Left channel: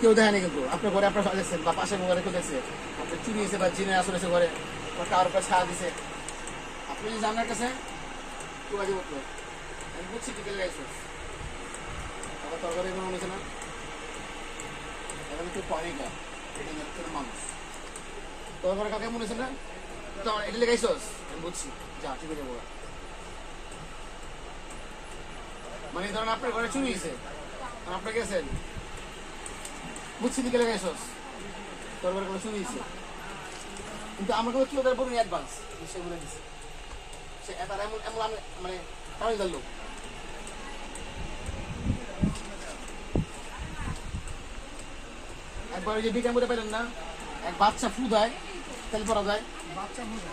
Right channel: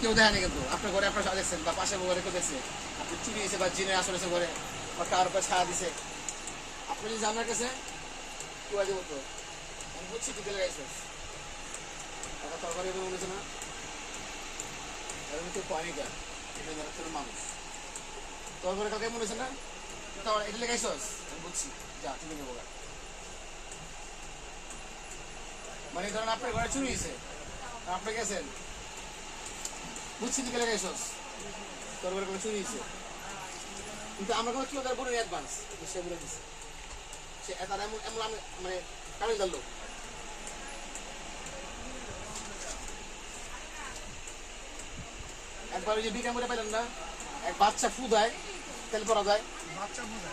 কেউ দেখেনি কিন্তু আপনার ঘরে আপনার দেখছেন বা পাশের ঘরে কেউ দেখছে আপনি চুরি এসে বা জিনের আসর এসে ঘরে বা কারোর কাছে ছাড়া দিছে আপনি যদি জানার কাছে কেউ আগে বলতো আমি বুঝছি টিকেল গাইছে আবার তরকারি মনে হচ্ছে না এরকম কেউ পায়নি কেন এটা মানুষ তরকারি কাকে মনে হচ্ছে না এটা লেগাইছস আমি বুঝছি যা ঠিক আছে বলা মানে ধরেন আপনার ঘরে চুরি হয়েছে আপনি গেছেন বুঝছি দিকে লাগাইছস তোর ঘরে কোনো চুরি হয়েছে কিন্তু আমার কাছে কেউ তার বলুন অ্যাডভান্স সে বলে দিচ্ছে সে তার এমন এমন মানে কারণ জানলো একবার ওই যে বিজ্ঞান করে পেলেন না এক বাচ্চা ফু দেয় তেল পরা যায় বাচ্চা বুঝে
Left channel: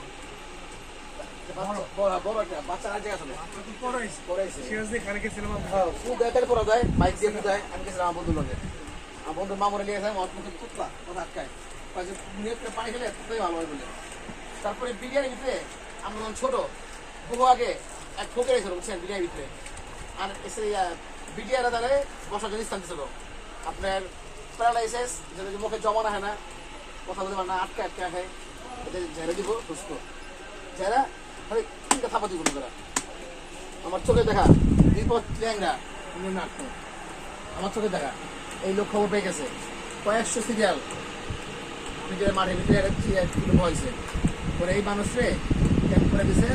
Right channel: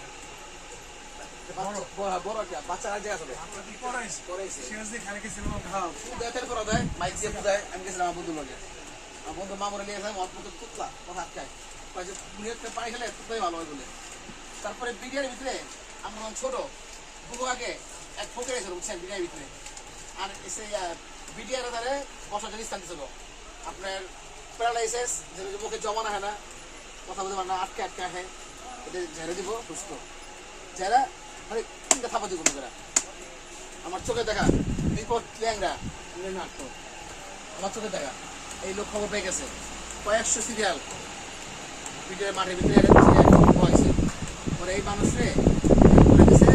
বড় একটা বাচ্চা আর জায়গা চলে পড়াইছে খানে গেছিলাম হ্যাঁ ফু দেয় তেল পরা যায় বাইক দিয়ে ফু দেয় আমি গেছিলাম আমার বন্ধু লগে আমার বন্ধু মামরে নিয়ে যায় অত কুতলা কথা আটকায় পানি খেলে খুবই ভালো হয় বলে তারপরে বিরিয়ানির ভিতরে আমরা যখন ছোট বহু আগে এক ফোকে রেছিল বুঝছেন বিরিয়ানির ভিতরে আর এসে বিরিয়ানির দ্বারা বসার জন্য স্থান ছিল আপনার প্যারালাইসিস যেটা মুখে জমা না হয় না কথা বলতে পারে না আটকে আটকে আসে এটা ঝেড়ে দিব সুস্থ যারা মানে তিনটা থাপা দিব করে আমার চোখে দেখা বিপদ ল্যাংরা আমার চোখে দেখা এই লোক খবর পেয়ে গেছে কয়েকশো সিরিয়াল ভিডিওর মাঠের ভিতরে হয়েছে পরে এই মানুষরে করে দিছে